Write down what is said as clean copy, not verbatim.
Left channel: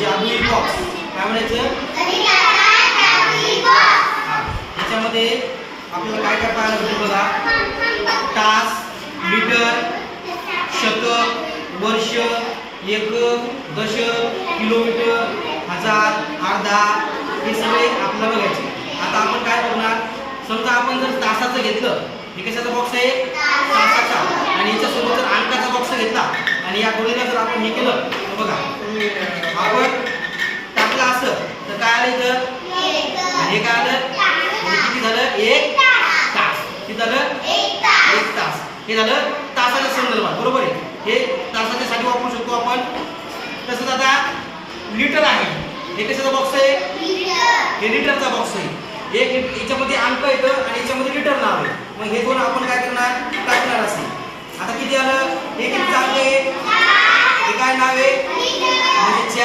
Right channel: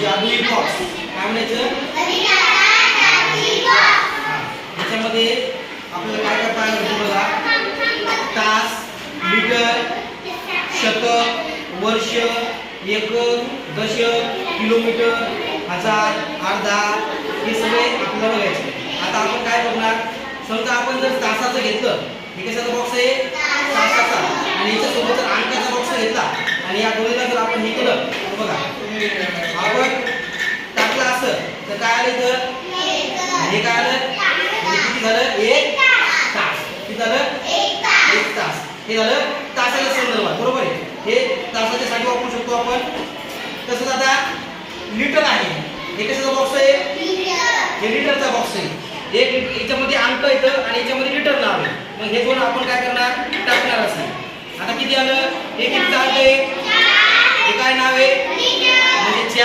जादुई बॉक्स काय म्हणायचं? याच्यामध्ये आपल्याला काय काय पाहायला भेटेल बघा. तास, मीटर, शतक, वर्ष, एकक, दशक, किलोमीटर, हजार, अर्धा हे सगळे आपल्याला बघायचे. आता आपण काय करणार, समजा आपण जर तासाचं घेतलं, हे कशाचा बॉक्स आहे? तासाचा. आणि याच्यासोबत जर अंकाचा बॉक्स घेतला आणि या दोन्हीला जर आपण हे केलं तर बघा आपण टाकलं असं तर काय आलं इथं? हे काय आलं? किती झालं? 1 तास. किती झालं? 1 तास. हे झालं तासाच्या संदर्भात, बरोबर आहे. हे तासाच्या साठी वापरू शकतो आपण. तसंच आता लिटर आहे, हे कशाचा बॉक्स आहे? हे लिटरचा बॉक्स आहे. एक याच्यामध्ये अंक येतं आणि याच्यामध्ये लिटर नाव आहे. मग हे दोन आपण काय करणार? टाकणार असेल. आता किती आलं? हे किती अंक आहे? हे काय नाव आहे? म्हणजे